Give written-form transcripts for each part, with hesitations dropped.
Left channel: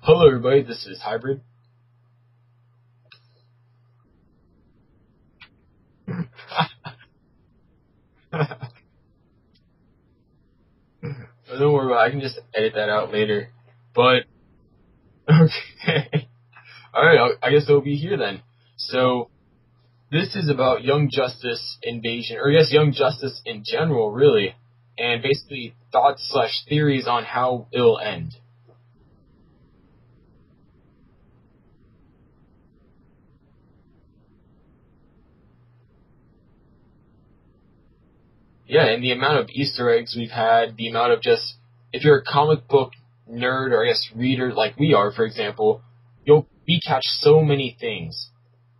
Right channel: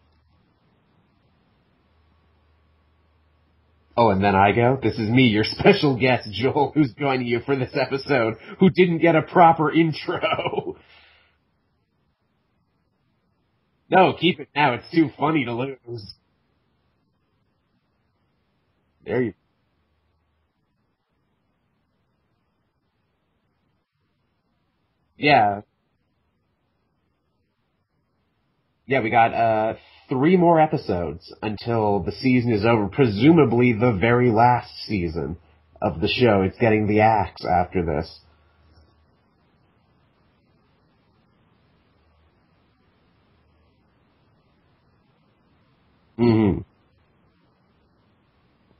Hello, everybody. This is Hybrid. Oh, and then I go. This is me, your special guest, Joel, who's joining you for this episode, who didn't get a proper intro. Don't worry about it. I can just edit that out later. No, keep it now. It's too funny to lose. All right, I guess it'll be here then. So, this is about Young Justice Invasion, or I guess Young Justice in general, really, and basically thoughts/theories on how it'll end. Yeah, we got 3 more episodes until the season is over, presumably the very last season of the show. It's getting the axe after this. Yeah, and the amount of Easter eggs we've had, the amount of just, if you're a comic book nerd, or I guess reader like we are, for example, we catch so many things.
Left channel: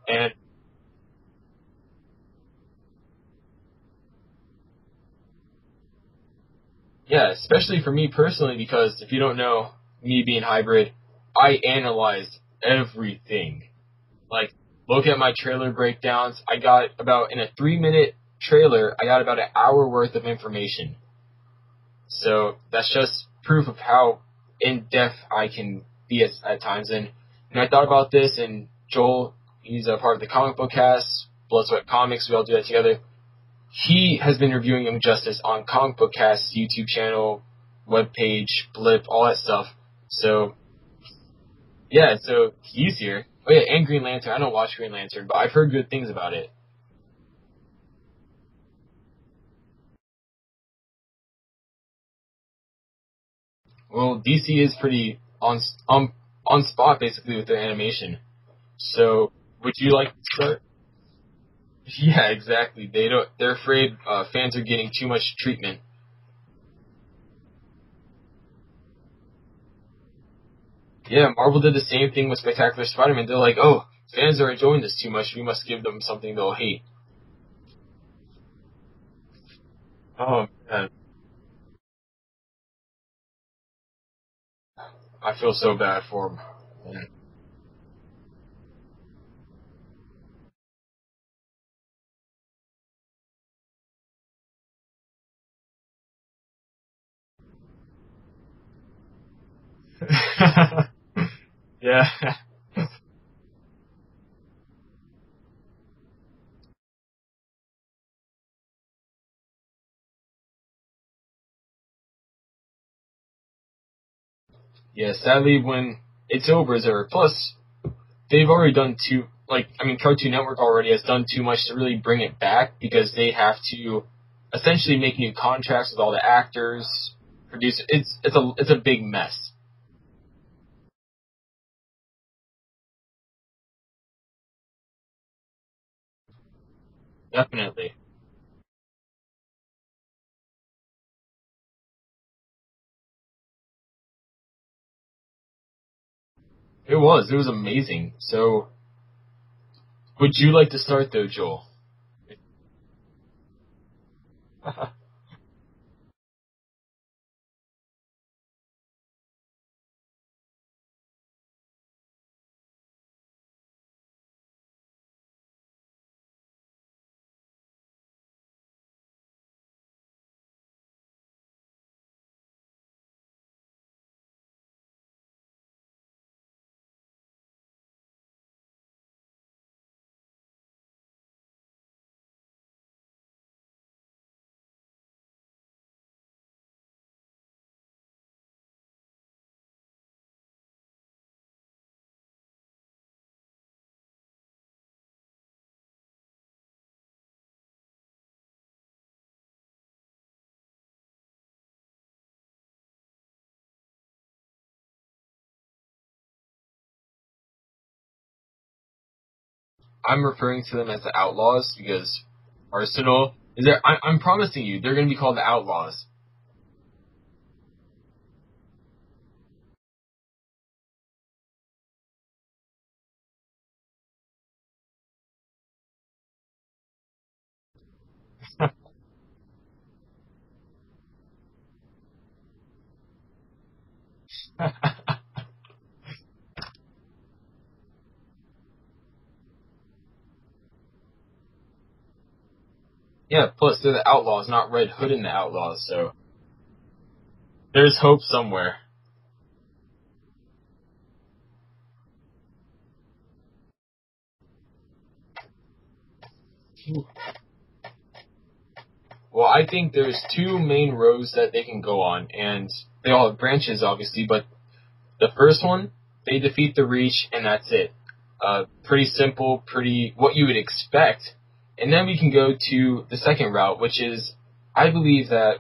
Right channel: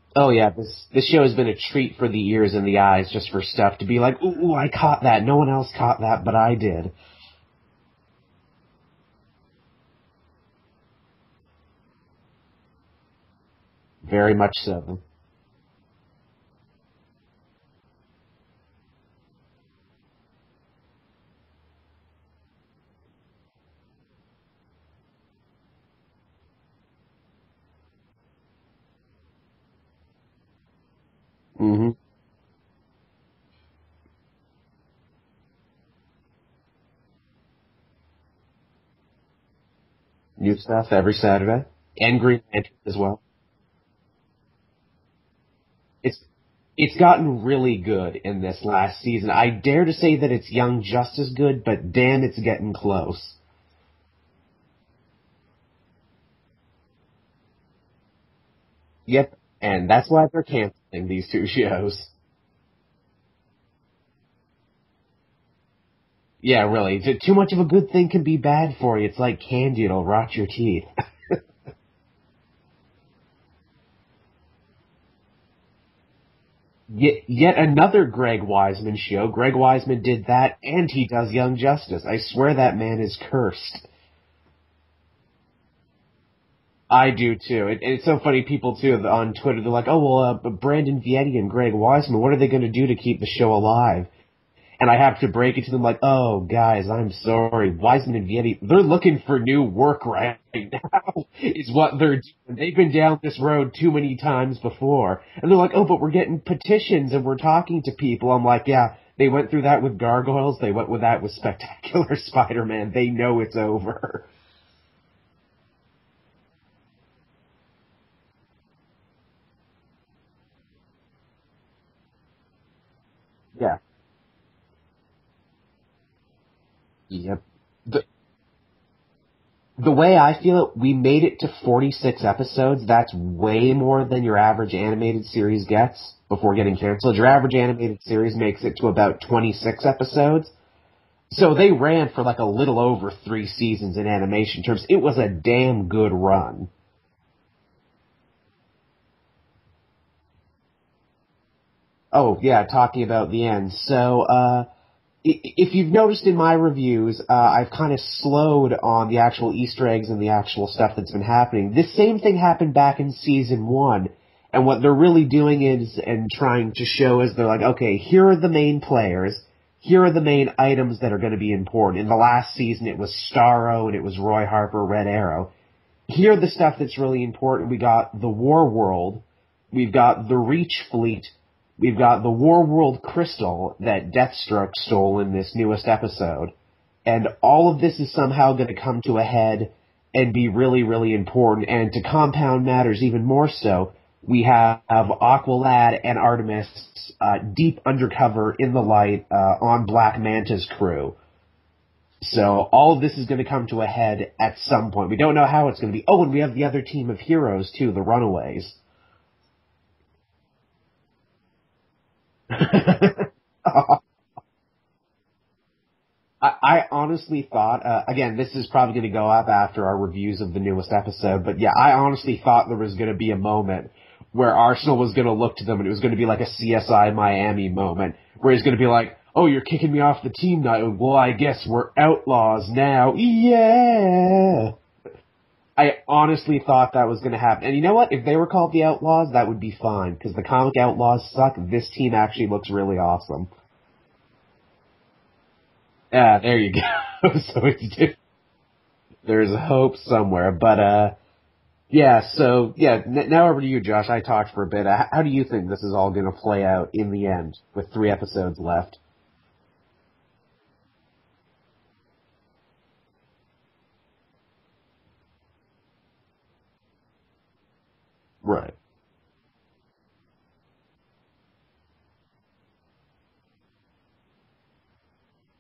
And this show has been a treat for the ears and the eyes, just for stuff to be like, ooh, I caught that. No one else caught that, but I did. Yeah, especially for me personally, because if you don't know, me being Hybrid, I analyzed everything. Very much so. Look at my trailer breakdowns. I got about, in a 3-minute trailer, I got about an hour worth of information. So that's just proof of how in-depth I can be at times. And I thought about this, and Joel, he's a part of the comic book cast, Blood, Sweat Comics, we all do that together. He has been reviewing Young Justice on Comic Book Cast's YouTube channel, webpage, Blip, all that stuff. So new stuff every Saturday. Yeah, and so he's here. Oh yeah, and Green Lantern. I don't watch Green Lantern, but I've heard good things about it. It's gotten really good in this last season. I dare to say that it's Young Justice good, but damn, it's getting close. Well, DC is pretty on spot basically with their animation. So yep, and that's why they're canceling these 2 shows. Yeah, exactly. They're afraid fans are getting too much treatment. Yeah, really. Too much of a good thing can be bad for you. It's like candy, it'll rot your teeth. Yeah, Marvel did the same thing with Spectacular Spider-Man. They're like, oh, fans are enjoying this too much. We must give them something they'll hate. Yet another Greg Weisman show. Greg Weisman did that, and he does Young Justice. I swear that man is cursed. I feel so bad for him. I do, too. It's so funny, people, too, on Twitter, they're like, oh, well, Brandon Vietti and Greg Weisman, what are they going to do to keep the show alive? And I have to break it to them like, oh, guys, I'm sorry. Weisman and Vietti, they're looking for new work right now, is what they're doing. They've been down this road too many times before. And they're like, oh, but we're getting petitions and we're talking to people. I'm like, yeah, they went through that with Gargoyles. They went with that with Spectacular Spider-Man. They know it's over. Yeah, sadly, when it's over, it's over. Plus, they've already done Cartoon Network already has done too much to really bring it back because they have to essentially make new contracts with all the actors, produce it. It's a big mess. The way I feel it, we made it to 46 episodes. That's way more than your average animated series gets before getting canceled. Your average animated series makes it to about 26 episodes. So they ran for like a little over 3 seasons in animation terms. It was a damn good run. It was amazing. So, would you like to start though, Joel? Oh, yeah, talking about the end. So, if you've noticed in my reviews, I've kind of slowed on the actual Easter eggs and the actual stuff that's been happening. This same thing happened back in Season 1, and what they're really doing is, and trying to show is, they're like, okay, here are the main players, here are the main items that are going to be important. In the last season, it was Starro, and it was Roy Harper, Red Arrow. Here are the stuff that's really important. We got the War World, we've got the Reach Fleet, we've got the War World Crystal that Deathstroke stole in this newest episode. And all of this is somehow going to come to a head and be really, really important. And to compound matters even more so, we have Aqualad and Artemis deep undercover in the light on Black Manta's crew. So all of this is going to come to a head at some point. We don't know how it's going to be. Oh, and we have the other team of heroes, too, the Runaways. I'm referring to them as the Outlaws because I'm promising you, they're going to be called the Outlaws. I honestly thought, again, this is probably going to go up after our reviews of the newest episode, but yeah, I honestly thought there was going to be a moment where Arsenal was going to look to them and it was going to be like a CSI Miami moment, where he's going to be like, oh, you're kicking me off the team now. Well, I guess we're Outlaws now. Yeah. I honestly thought that was going to happen. And you know what? If they were called the Outlaws, that would be fine, because the comic Outlaws suck. This team actually looks really awesome. Yeah, plus they're the Outlaws, not Red Hood and the Outlaws, so... Yeah, there you go. So there's hope somewhere. There's hope somewhere, but now over to you, Josh. I talked for a bit. How do you think this is all going to play out in the end with 3 episodes left? Well, I think there's 2 main roads that they can go on, and they all have branches, obviously, but the first one, they defeat the Reach, and that's it. Right. Pretty simple, pretty what you would expect. And then we can go to the second route, which is, I believe that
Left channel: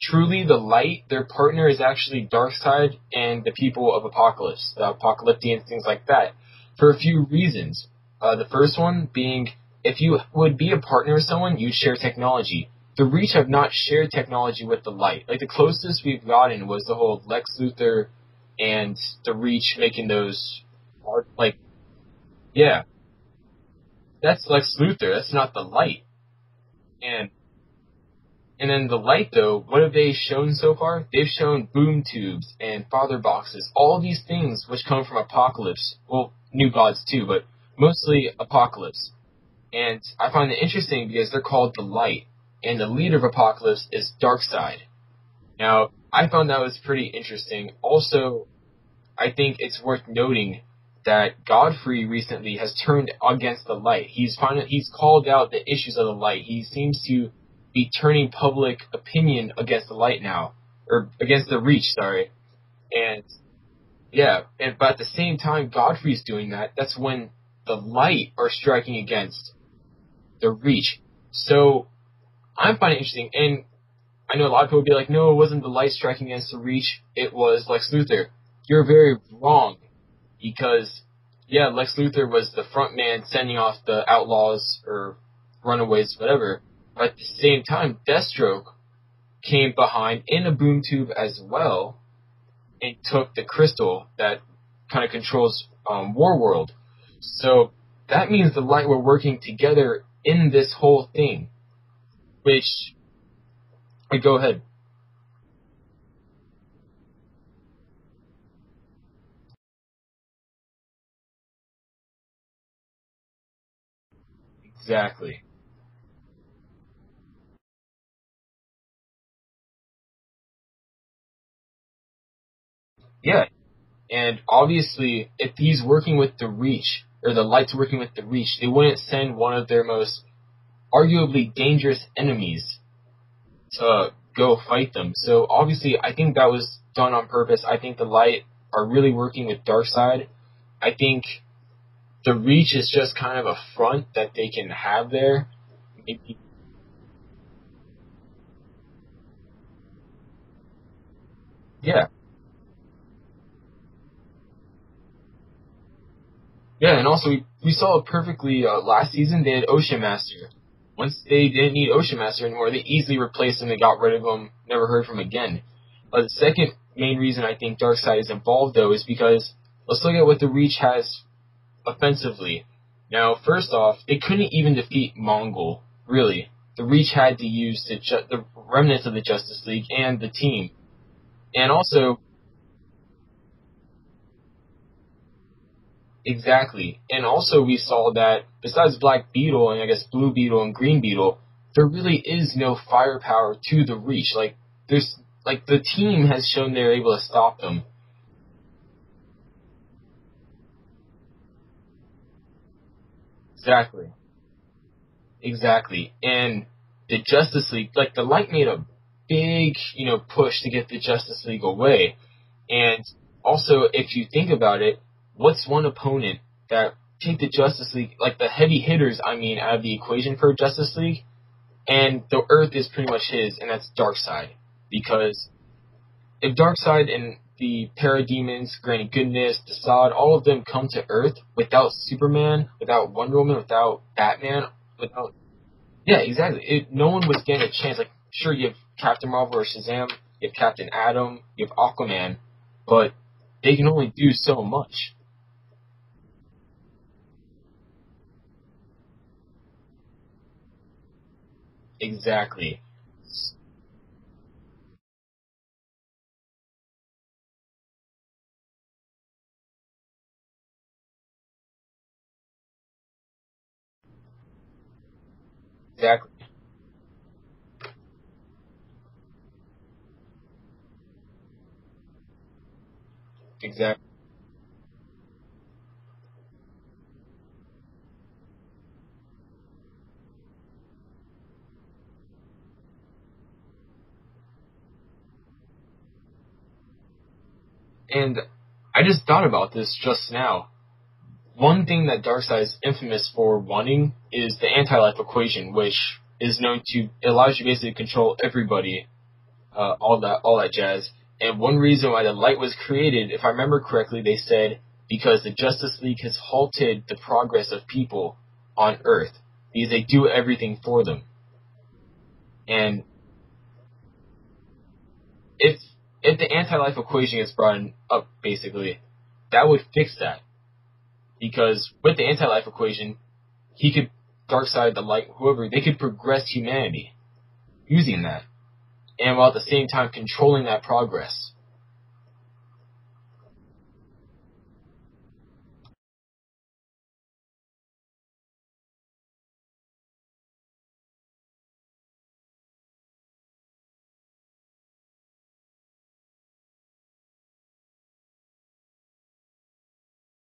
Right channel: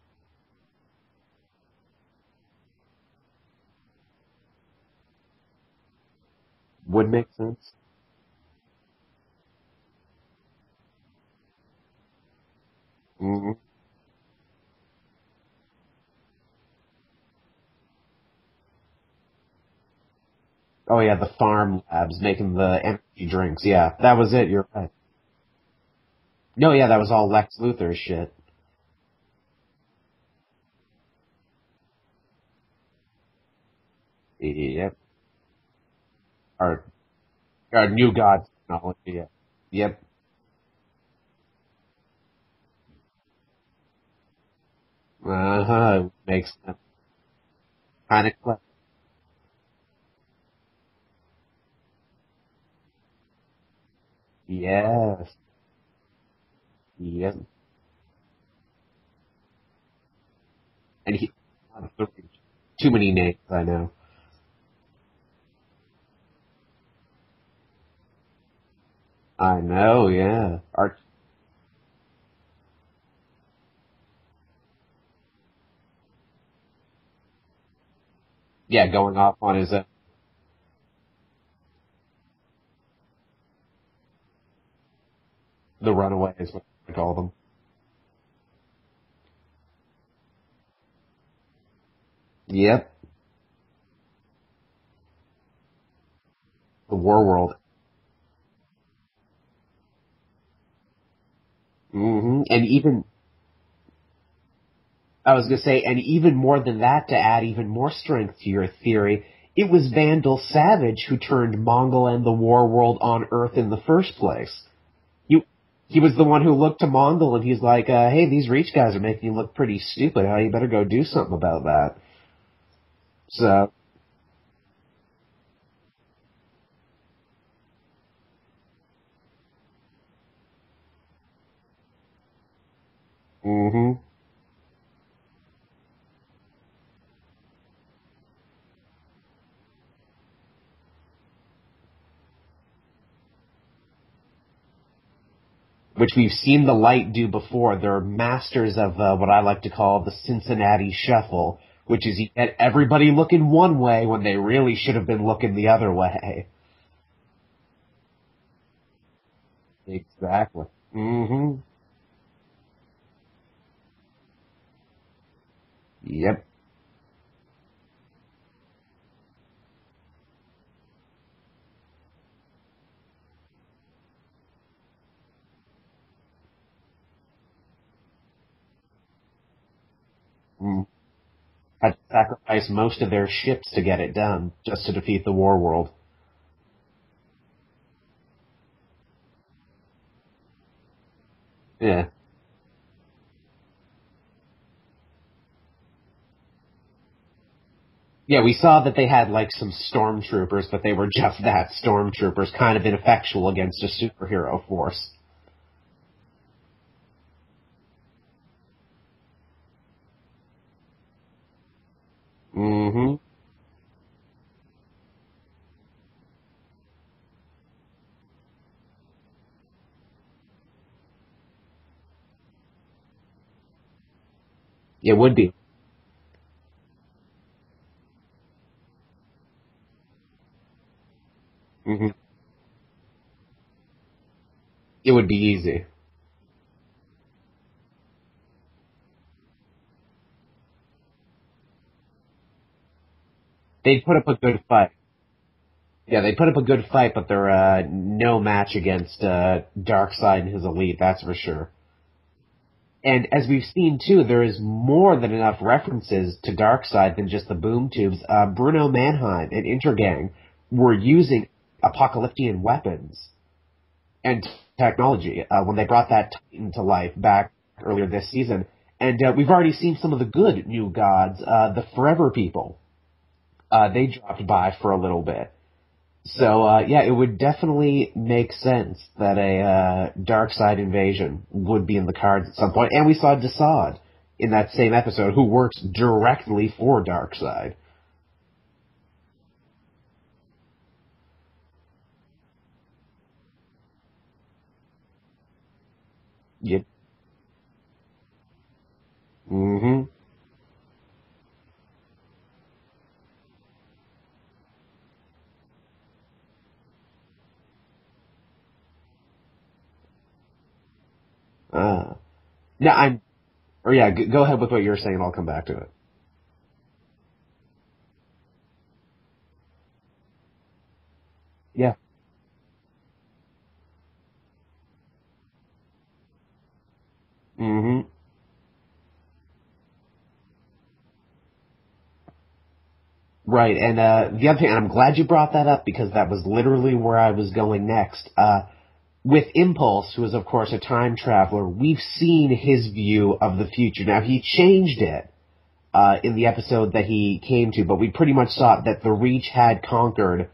truly the Light, their partner, is actually Darkseid and the people of Apokolips, the Apocalyptians, things like that, for a few reasons. The first one being, if you would be a partner with someone, you'd share technology. The Reach have not shared technology with the Light. Like, the closest we've gotten was the whole Lex Luthor and the Reach making those... Oh, yeah, the farm labs making the energy drinks. Yeah, that was That's Lex Luthor. That's not the Light. No, yeah, that was all Lex Luthor shit. And then the Light, though, what have they shown so far? They've shown boom tubes and father boxes, all these things which come from Apokolips. Well, New Gods, too, but mostly Apokolips. And I find it interesting because they're called the Light, and the leader of Apokolips is Darkseid. Now, I found that was pretty interesting. Also, I think it's worth noting that Godfrey recently has turned against the Light. He's called out the issues of the Light. He seems to be turning public opinion against the Light now, or against the Reach. Sorry, too many names, I know. Yeah, but at the same time, Godfrey's doing that. That's when the Light are striking against. The Reach. So I'm finding it interesting, and I know a lot of people will be like, "No, it wasn't the Light striking against the Reach. It was Lex Luthor." You're very wrong. Because, Lex Luthor was the front man sending off the outlaws or runaways, whatever. But at the same time, Deathstroke came behind in a boom tube as well. Yep. And took the crystal that kind of controls Warworld. The Warworld. So that means the Light were working together in this whole thing. Mm-hmm. And even... Go ahead. I was going to say, and even more than that, to add even more strength to your theory, it was Vandal Savage who turned Mongol and the Warworld on Earth in the first place. Exactly. He was the one who looked to Mongol and he's like, hey, these Reach guys are making you look pretty stupid. You better go do something about that. Yeah. So, and obviously, if he's working with the Reach, or the Light's working with the Reach, they wouldn't send one of their most arguably dangerous enemies to go fight them. So obviously, I think that was done on purpose. I think the Light are really working with Darkseid. I think the Reach is just kind of a front that they can have there. Which we've seen the Light do before. They're masters of what I like to call the Cincinnati Shuffle, which is you get everybody looking one way when they really should have been looking the other way. Yeah, and also we saw it perfectly last season. They had Ocean Master. Exactly. Once they didn't need Ocean Master anymore, they easily replaced him. They got rid of him, never heard from him again. But the second main reason I think Darkseid is involved, though, is because let's look at what the Reach has offensively. Now, first off, they couldn't even defeat Mongol, really. The Reach had to use the remnants of the Justice League and the team. And also... had to sacrifice most of their ships to get it done, just to defeat the Warworld. Exactly. And also we saw that, besides Black Beetle and I guess Blue Beetle and Green Beetle, there really is no firepower to the Reach. The team has shown they're able to stop them. Yeah, we saw that they had, some stormtroopers, but they were just that, stormtroopers, kind of ineffectual against a superhero force. Exactly. And the Justice League, the Light made a big, push to get the Justice League away. And also, if you think about it, what's one opponent that take the Justice League, the heavy hitters, out of the equation for Justice League, and the Earth is pretty much his, and that's Darkseid. Because it would be. If Darkseid and the Parademons, Granny Goodness, Desaad, all of them come to Earth without Superman, without Wonder Woman, without Batman... it would be easy. Yeah, exactly. No one was getting a chance. Sure, you have Captain Marvel or Shazam, you have Captain Atom, you have Aquaman, but they can only do so much. Yeah, they put up a good fight, but they're no match against Darkseid and his elite, that's for sure. Exactly. And as we've seen, too, there is more than enough references to Darkseid than just the boom tubes. Bruno Mannheim and Intergang were using apocalyptic weapons and technology when they brought that Titan to life back earlier this season. And we've already seen some of the good new gods, the Forever People. Exactly. They dropped by for a little bit. So, yeah, it would definitely make sense that a Darkseid invasion would be in the cards at some point. And we saw Desaad in that same episode, who works directly for Darkseid. And I just thought about this just now. One thing that Darkseid is infamous for wanting is the anti-life equation, which is known to, it allows you basically to control everybody, all that jazz. And one reason why the light was created, if I remember correctly, they said because the Justice League has halted the progress of people on Earth because they do everything for them. And yeah, go ahead with what you're saying. I'll come back to it. If the anti-life equation gets brought up, basically, that would fix that. Because with the anti-life equation, he could, Darkseid, the light, whoever, they could progress humanity using that. And while at the same time controlling that progress. Right, and the other thing, and I'm glad you brought that up because that was literally where I was going next. With Impulse, who is of course a time traveler, we've seen his view of the future. Now, he changed it in the episode that he came to, but we pretty much saw that the Reach had conquered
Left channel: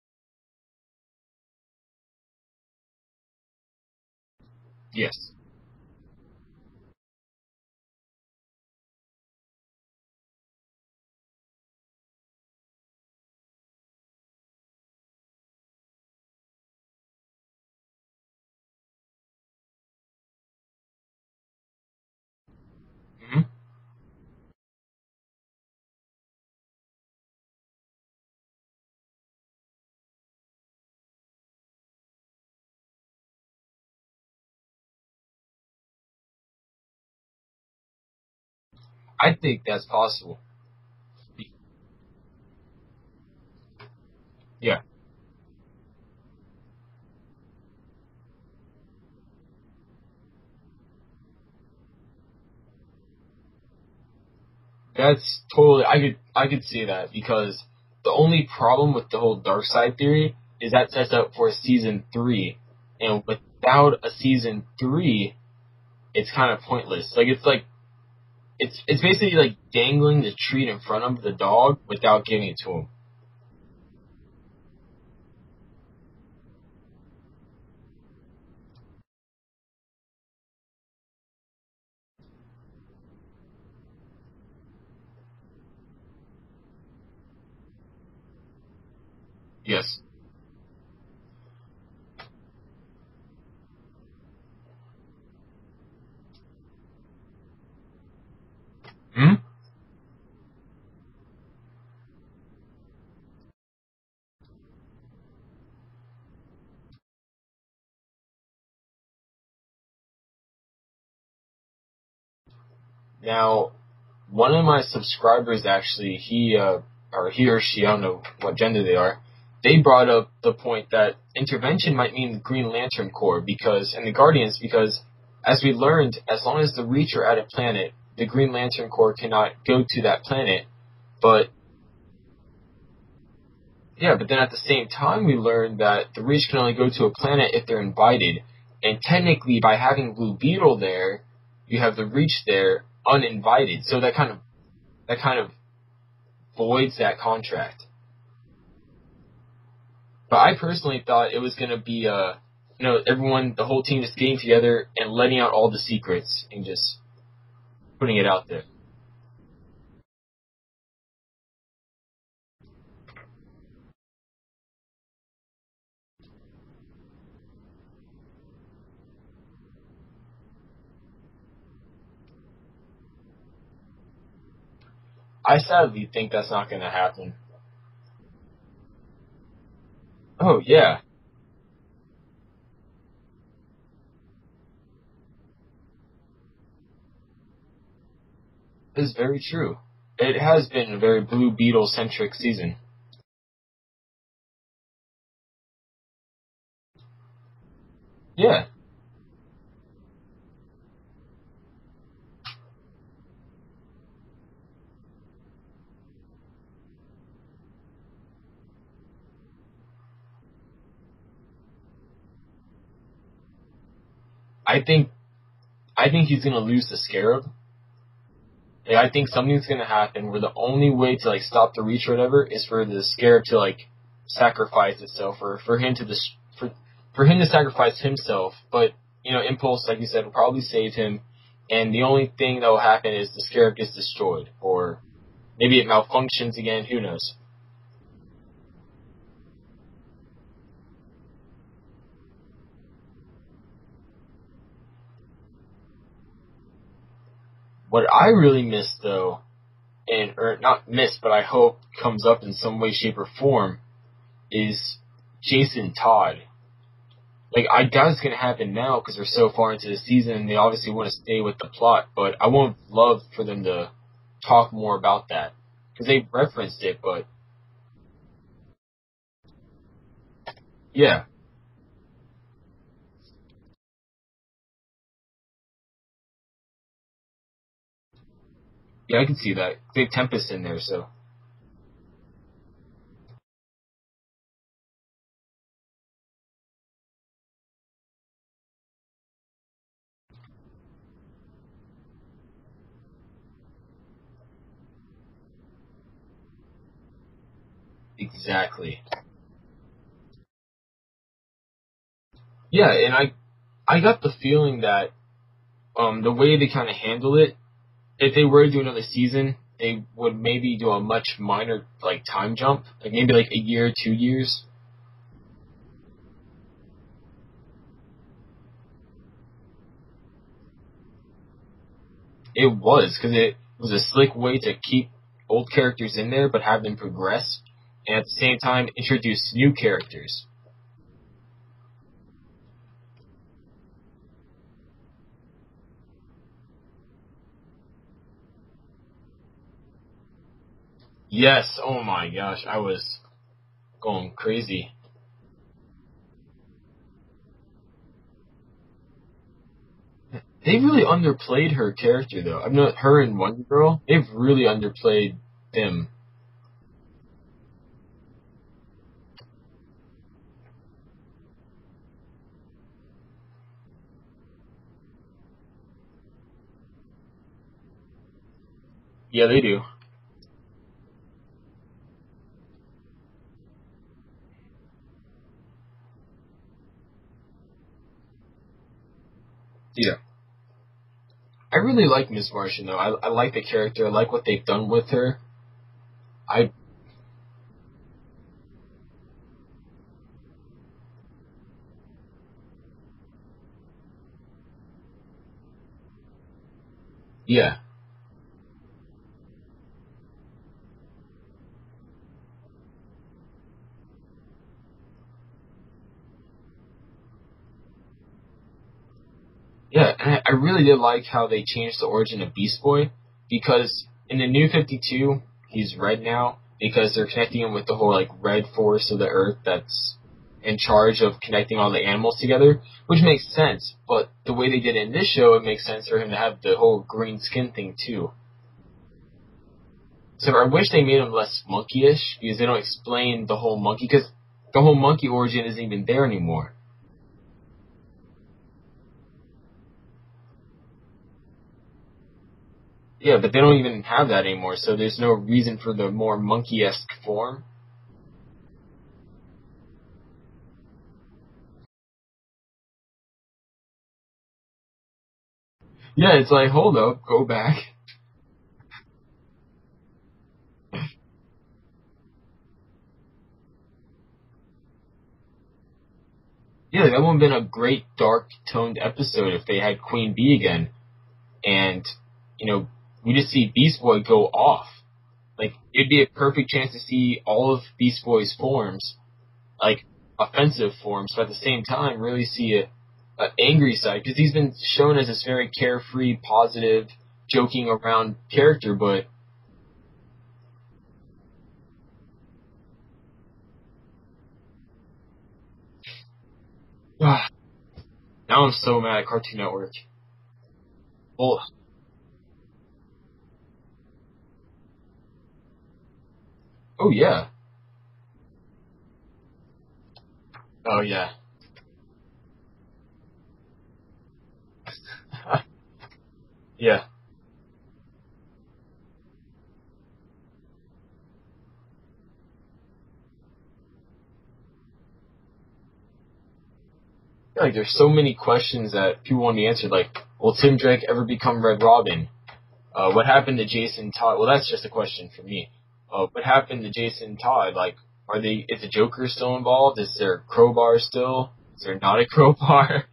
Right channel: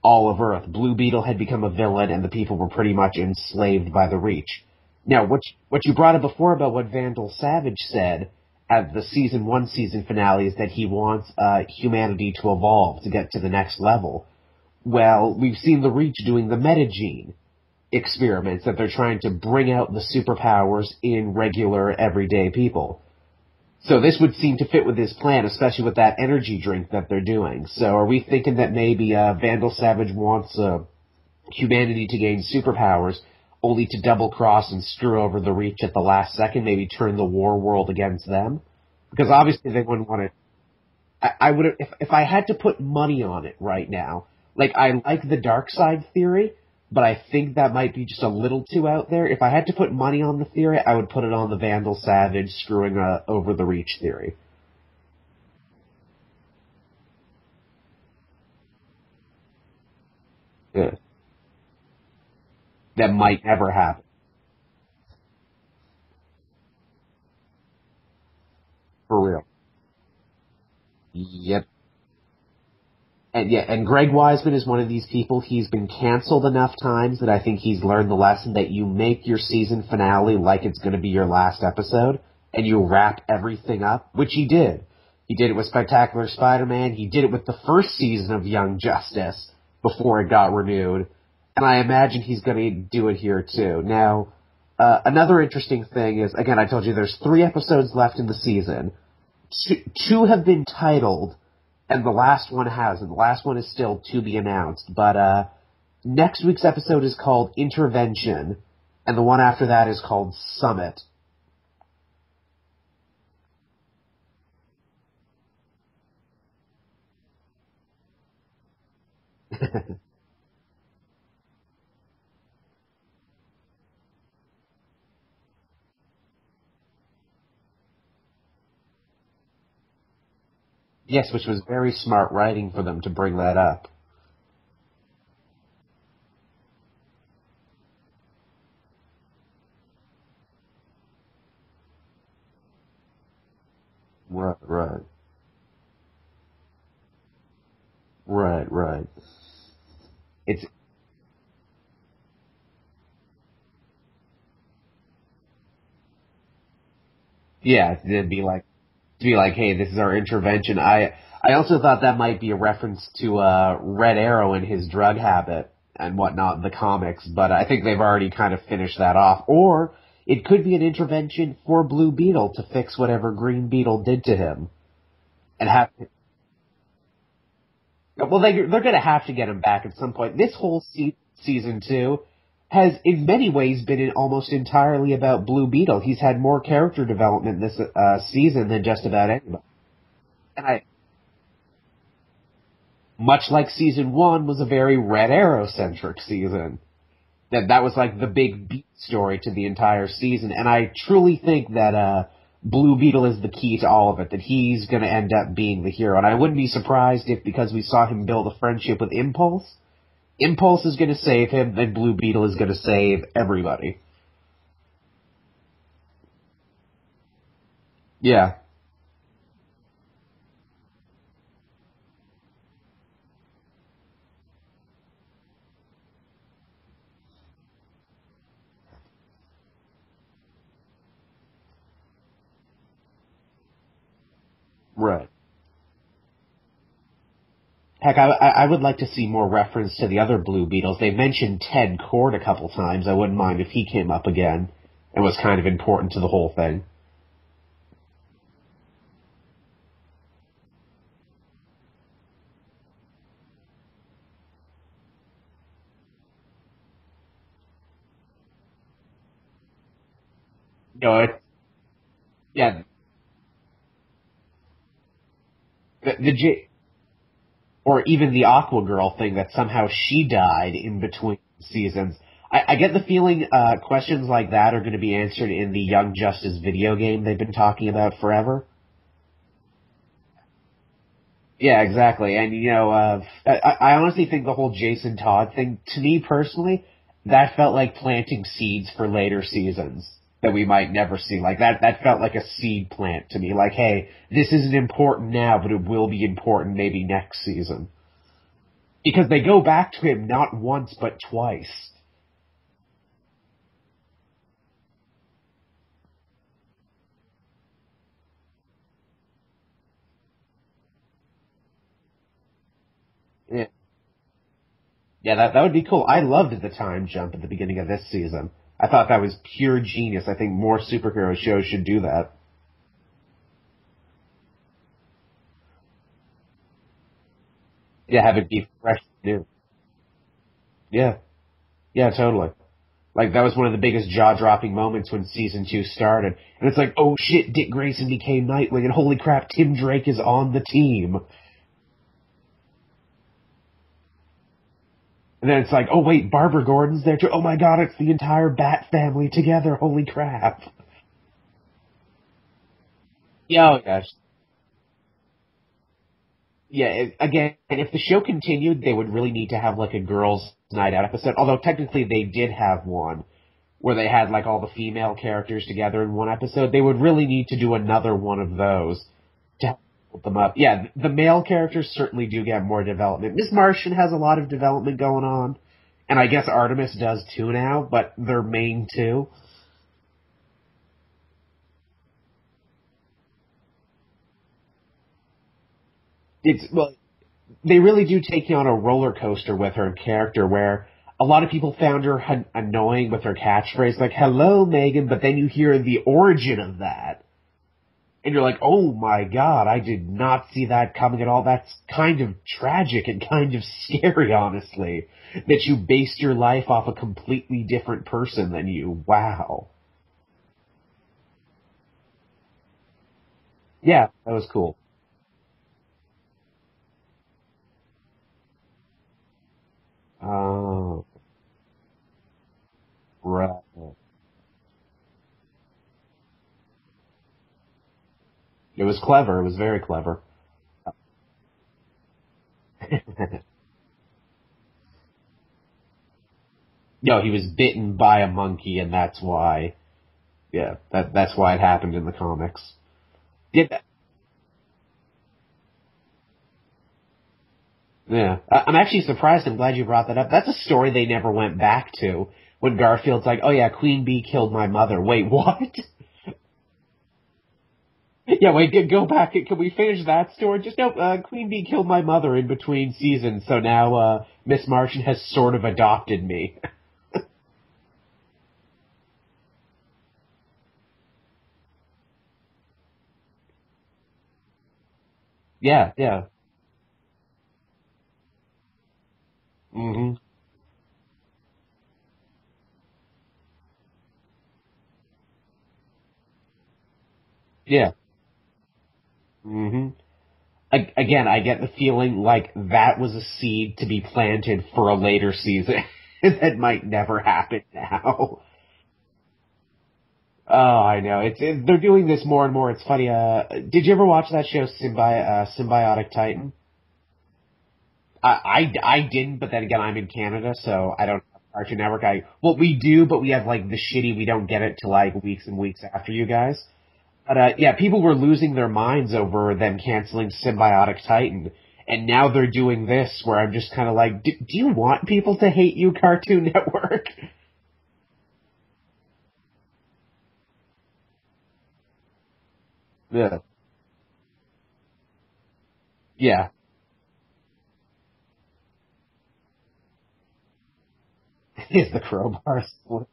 all of Earth. Blue Beetle had become a villain, and the people were pretty much enslaved by the Reach. Yes. Now, what you brought up before about what Vandal Savage said at the season finale is that he wants humanity to evolve to get to the next level. Well, we've seen the Reach doing the metagene experiments that they're trying to bring out the superpowers in regular, everyday people. So this would seem to fit with his plan, especially with that energy drink that they're doing. So are we thinking that maybe Vandal Savage wants humanity to gain superpowers only to double-cross and screw over the Reach at the last second, maybe turn the war world against them? Because obviously they wouldn't want it. I would, if I had to put money on it right now, I like the Darkseid theory, but I think that might be just a little too out there. If I had to put money on the theory, I would put it on the Vandal Savage screwing over the Reach theory. That's totally, I could see that, because the only problem with the whole Darkseid theory is that sets up for a season 3. That might never happen. Without a season 3, it's kind of pointless. It's basically like dangling the treat in front of the dog without giving it to him. And Greg Weisman is one of these people. He's been canceled enough times that I think he's learned the lesson that you make your season finale like it's going to be your last episode, and you wrap everything up, which he did. He did it with Spectacular Spider-Man. He did it with the first season of Young Justice before it got renewed. And I imagine he's going to do it here, too. Now, another interesting thing is, again, I told you there's 3 episodes left in the season. Two have been titled, and the last one hasn't. The last one is still to be announced. But next week's episode is called Intervention, and the one after that is called Summit. Now, one of my subscribers, actually, he or she, I don't know what gender they are, they brought up the point that Intervention might mean the Green Lantern Corps and the Guardians, because as we learned, as long as the Reach are at a planet, the Green Lantern Corps cannot go to that planet. Yes, which was very smart writing for them to bring that up. Yeah, but then at the same time we learned that the Reach can only go to a planet if they're invited. And technically, by having Blue Beetle there, you have the Reach there uninvited. So that kind of that kind of voids that contract. Right. But I personally thought it was going to be, everyone, the whole team just getting together and letting out all the secrets and just putting it out there. To be like, hey, this is our intervention. I also thought that might be a reference to Red Arrow and his drug habit and whatnot in the comics, but I think they've already kind of finished that off. Or it could be an intervention for Blue Beetle to fix whatever Green Beetle did to him. I sadly think that's not going to happen. Well, they're going to have to get him back at some point. This season 2 has, in many ways, been almost entirely about Blue Beetle. He's had more character development this season than just about anything. True. It has been a very Blue Beetle-centric season. Much like season 1 was a very Red Arrow-centric season. That was like the big beat story to the entire season. And I truly think that Blue Beetle is the key to all of it, that he's going to end up being the hero. And I wouldn't be surprised if, because we saw him build a friendship with Impulse is going to save him, then Blue Beetle is going to save everybody. I think he's going to lose the Scarab, Yeah. Like, I think something's gonna happen where the only way to like stop the Reach or whatever is for the Scarab to like sacrifice itself, or for him to for him to sacrifice himself. But Impulse, like you said, will probably save him, and the only thing that will happen is the Scarab gets destroyed, or Right. maybe it malfunctions again. Who knows? Heck, I would like to see more reference to the other Blue Beetles. They mentioned Ted Kord a couple times. I wouldn't mind if he came up again and was kind of important to the whole thing. What I really miss though, or not miss, but I hope comes up in some way, shape, or form, is Jason Todd. Like, I doubt it's going to happen now because we're so far into the season and they obviously want to stay with the plot, but I would love for them to talk more about that. Because they referenced it, but... Or even the Aqua Girl thing, that somehow she died in between seasons. I get the feeling questions like that are going to be answered in the Young Justice video game they've been talking about forever. Yeah, I can see that. They have Tempest in there, so... Yeah, exactly. And, I honestly think the whole Jason Todd thing, to me personally, that felt like planting seeds for later seasons that we might never see. Like, that felt like a seed plant to me. Like, hey, this isn't important now, but it will be important maybe next season. Exactly. Because they go back to him not once, but twice. Yeah, and I got the feeling that the way they kind of handle it, if they were to do another season, they would maybe do a much minor, like, time jump. Like, maybe, like, a year, 2 years. Yeah, that would be cool. I loved the time jump at the beginning of this season. I thought that was pure genius. I think more superhero shows should do that. It was, because it was a slick way to keep old characters in there, but have them progress. And at the same time, introduce new characters. Yeah. Yeah, totally. Like, that was one of the biggest jaw-dropping moments when Season 2 started. And it's like, oh shit, Dick Grayson became Nightwing, and holy crap, Tim Drake is on the team. Yes, oh my gosh, I was going crazy. And then it's like, oh wait, Barbara Gordon's there too. Oh my god, it's the entire Bat family together. Holy crap. They really underplayed her character, though. I mean, her and Wonder Girl, they've really underplayed them. Yeah, again, and if the show continued, they would really need to have, like, a girls' night out episode. Although, technically, they did have one where they had, like, all the female characters together in one episode. They would really need to do another one of those. Yeah, they do. Put them up. Yeah, the male characters certainly do get more development. Miss Martian has a lot of development going on. And I guess Artemis does too now, but they're main two. Yeah. I really like Miss Martian, though. I like the character. I like what they've done with her. Well, they really do take you on a roller coaster with her character, where a lot of people found her annoying with her catchphrase, like, hello, Megan, but then you hear the origin of that. Yeah. And you're like, oh my god, I did not see that coming at all. That's kind of tragic and kind of scary, honestly, that you based your life off a completely different person than you. Wow. Yeah, and I really did like how they changed the origin of Beast Boy, because in the New 52, he's red now, because they're connecting him with the whole, like, red force of the Earth that's in charge of connecting all the animals together, which makes sense. But the way they did it in this show, it makes sense for him to have the whole green skin thing, too. It was clever. It was very clever. So I wish they made him less monkey-ish, because they don't explain the whole monkey, because the whole monkey origin isn't even there anymore. No, he was bitten by a monkey, and that's why... Yeah, that's why it happened in the comics. Yeah, but they don't even have that anymore, so there's no reason for the more monkey-esque form. Yeah. I'm actually surprised. I'm glad you brought that up. That's a story they never went back to, when Garfield's like, oh yeah, Queen Bee killed my mother. Wait, what? Yeah, it's like, hold up, go back. Yeah, wait, go back. Can we finish that story? Just no, Queen Bee killed my mother in between seasons, so now Miss Martian has sort of adopted me. Yeah, that would have been a great dark-toned episode if they had Queen Bee again. And, we just see Beast Boy go off. Like, it'd be a perfect chance to see all of Beast Boy's forms, like, offensive forms, but at the same time, really see an angry side, because he's been shown as this very carefree, positive, joking around character, but... Again, I get the feeling like that was a seed to be planted for a later season. That might never happen now. Now I'm so mad at Cartoon Network. Oh, I know. They're doing this more and more. It's funny. Did you ever watch that show, Symbiotic Titan? Oh, yeah. I didn't, but then again, I'm in Canada, so Cartoon Network. Well, we do, but we have like the shitty. We don't get it till like weeks and weeks after you guys. Yeah. But yeah, people were losing their minds over them canceling Symbiotic Titan, and now they're doing this, where I'm just kind of like, do you want people to hate you, Cartoon Network? Like, there's so many questions that people want to answer. Like, will Tim Drake ever become Red Robin? What happened to Jason Todd? Well, that's just a question for me. Yeah. What happened to Jason Todd? Like, is the Joker still involved? Is there crowbar still? Is there not a crowbar?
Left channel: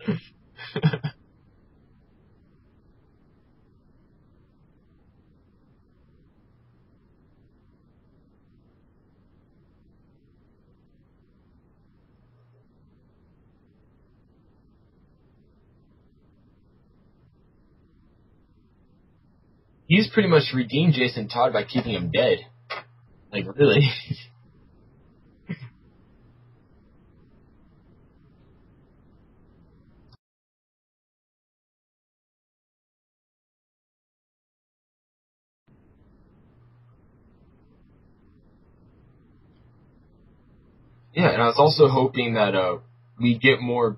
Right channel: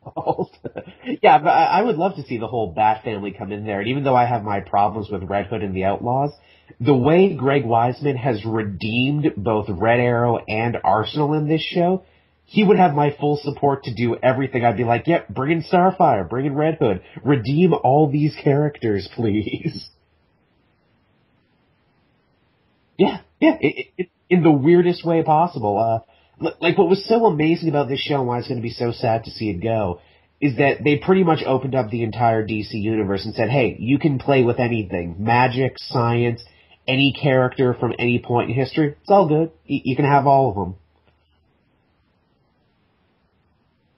Yeah, but I would love to see the whole Bat family come in there. And even though I have my problems with Red Hood and the Outlaws, the way Greg Weisman has redeemed both Red Arrow and Arsenal in this show, he would have my full support to do everything. I'd be like, yep, bring in Starfire, bring in Red Hood, redeem all these characters, please. He's pretty much redeemed Jason Todd by keeping him dead. Yeah, like, yeah, really. it's in the weirdest way possible. Like, what was so amazing about this show and why it's going to be so sad to see it go is that they pretty much opened up the entire DC universe and said, hey, you can play with anything. Magic, science, any character from any point in history. It's all good. You can have all of them. Yeah, and I was also hoping that we get more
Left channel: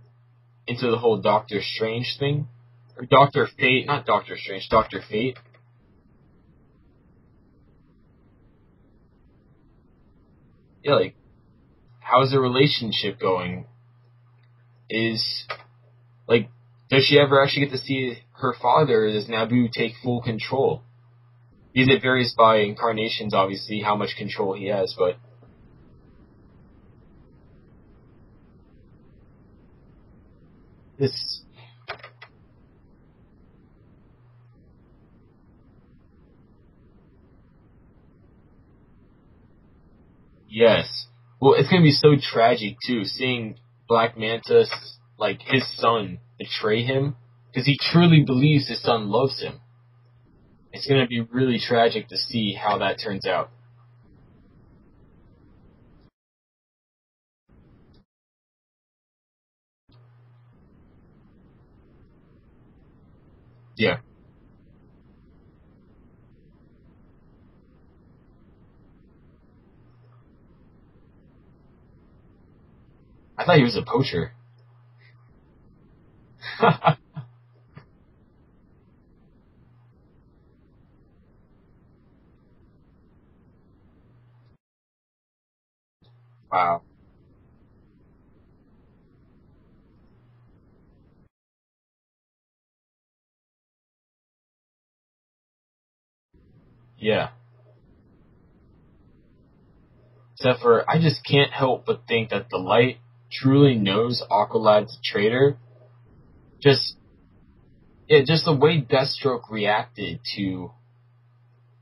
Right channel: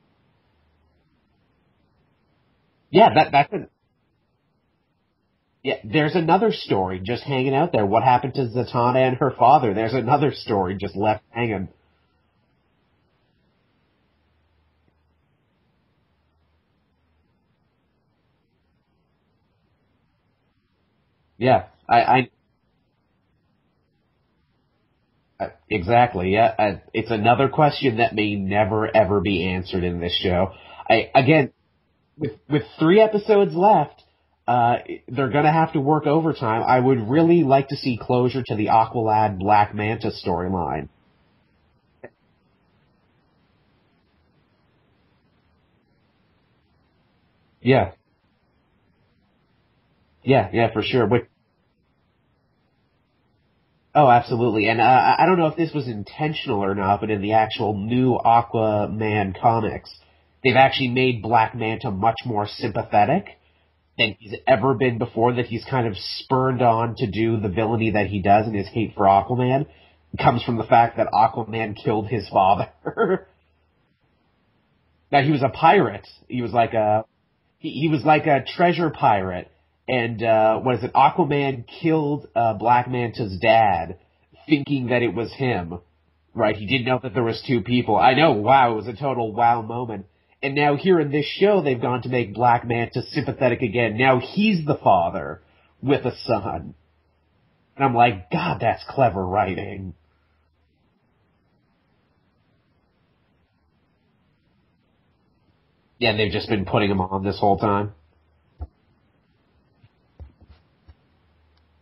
into the whole Doctor Strange thing. Yeah, Doctor Fate, not Doctor Strange, Doctor Fate. Yeah, there's another story just hanging out there. What happened to Zatanna and her father? There's another story just left hanging. How's the relationship going? Does she ever actually get to see her father? Or does Naboo take full control? Yeah. It varies by incarnations, obviously, how much control he has, but... Exactly, yeah. It's another question that may never, ever be answered in this show. Again, with 3 episodes left, they're going to have to work overtime. I would really like to see closure to the Aqualad Black Manta storyline. Yes. Well, it's going to be so tragic, too, seeing Black Manta, like, his son betray him, because he truly believes his son loves him. Yeah, for sure. It's going to be really tragic to see how that turns out. Oh, absolutely. And I don't know if this was intentional or not, but in the actual new Aquaman comics, they've actually made Black Manta much more sympathetic than he's ever been before, that he's kind of spurned on to do the villainy that he does, and his hate for Aquaman comes from the fact that Aquaman killed his father. I thought he was a poacher. No, he was a pirate. He was like he was like a treasure pirate. And, Aquaman killed Black Manta's dad, thinking that it was him, right? Wow. He didn't know that there was 2 people. I know, wow, it was a total wow moment. And now here in this show, they've gone to make Black Manta sympathetic again. Now he's the father with a son. Yeah. And I'm like, God, that's clever writing. Except for, I just can't help but think that the Light truly knows Aqualad's a traitor. Yeah, they've just been putting him on this whole time. Yeah, just the way Deathstroke reacted to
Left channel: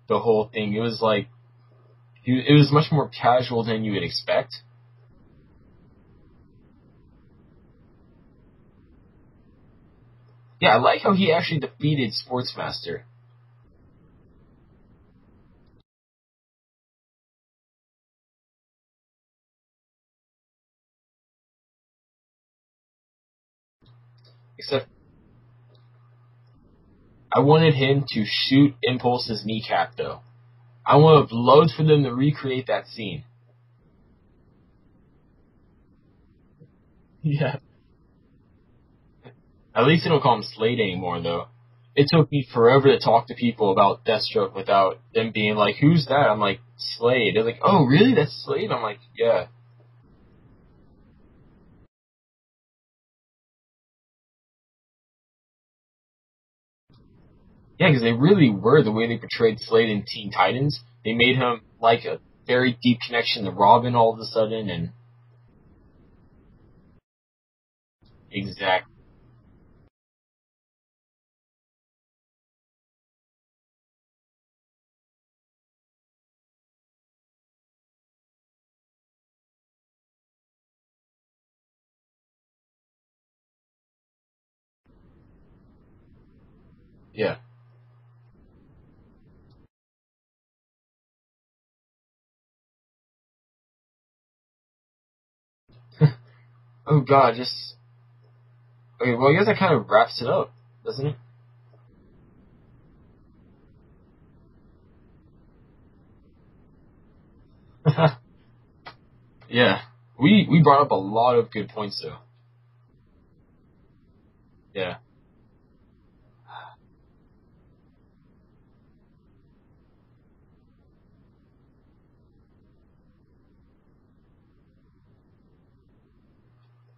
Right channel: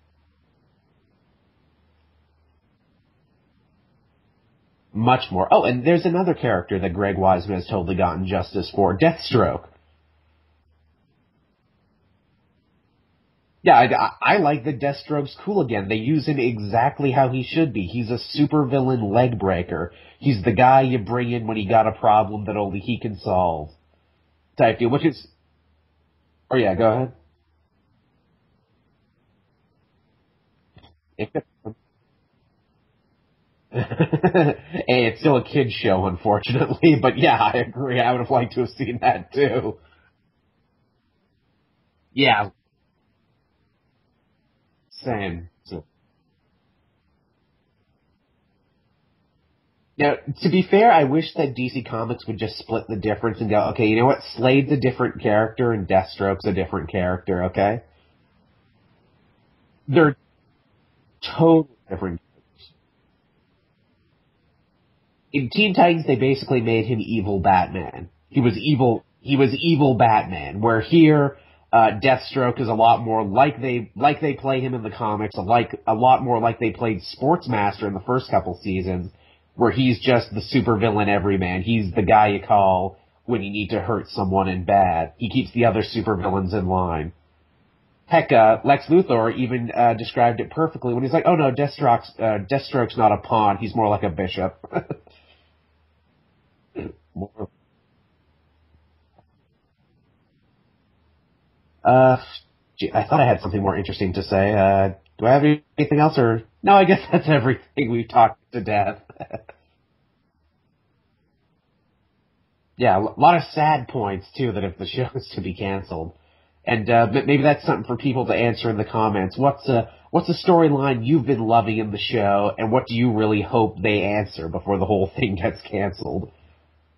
the whole thing. It was like, it was much more casual than you would expect. Much more. Oh, and there's another character that Greg Weisman has totally gotten justice for, Deathstroke. Yeah, I like how he actually defeated Sportsmaster. Yeah, I like that Deathstroke's cool again. They use him exactly how he should be. He's a supervillain leg breaker. He's the guy you bring in when you got a problem that only he can solve. Type deal, which is... Oh, yeah, go ahead. I wanted him to shoot Impulse's kneecap, though. I would love for them to recreate that scene. Hey, it's still a kid's show, unfortunately, but yeah, I agree. I would have liked to have seen that, too. At least they don't call him Slade anymore, though. It took me forever to talk to people about Deathstroke without them being like, who's that? I'm like, Slade. They're like, oh, really? That's Slade? I'm like, yeah. Now, to be fair, I wish that DC Comics would just split the difference and go, okay, you know what? Slade's a different character and Deathstroke's a different character, okay? Yeah, because they really were the way they portrayed Slade in Teen Titans. They made him like a very deep connection to Robin all of a sudden, and in Teen Titans they basically made him evil Batman. He was evil Batman. Where here, Deathstroke is a lot more like they play him in the comics, a lot more like they played Sportsmaster in the first couple seasons, where he's just the supervillain everyman. He's the guy you call when you need to hurt someone in bad. He keeps the other supervillains in line. Yeah. Heck, Lex Luthor even described it perfectly when he's like, oh no, Deathstroke's not a pawn, he's more like a bishop. Oh god, okay, well I guess that kind of wraps it up, doesn't it? I thought I had something more interesting to say. Do I have anything else, or... No, I guess that's everything. We talked to death. Yeah. We brought up a lot of good points, though. Yeah, a lot of sad points, too, that if the Yeah. show is to be canceled. And maybe that's something for people to answer in the comments. What's a storyline you've been loving in the show, and what do you really hope they answer before the whole thing gets canceled?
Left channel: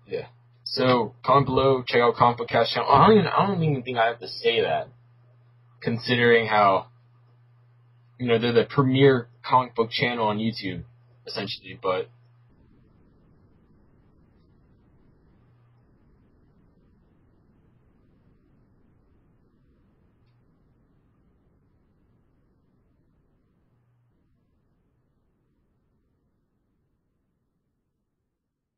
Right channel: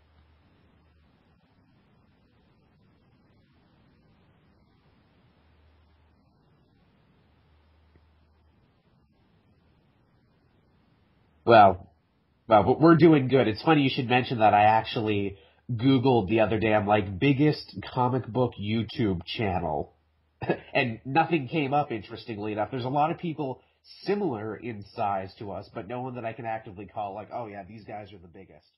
Yeah. So comment below, check out Comic Book Cast channel. I don't even think I have to say that, considering how they're the premier comic book channel on YouTube, essentially. Well, we're doing good. It's funny you should mention that. I actually Googled the other day. I'm like, biggest comic book YouTube channel. And nothing came up, interestingly enough. There's a lot of people similar in size to us, but no one that I can actively call like, oh yeah, these guys are the biggest.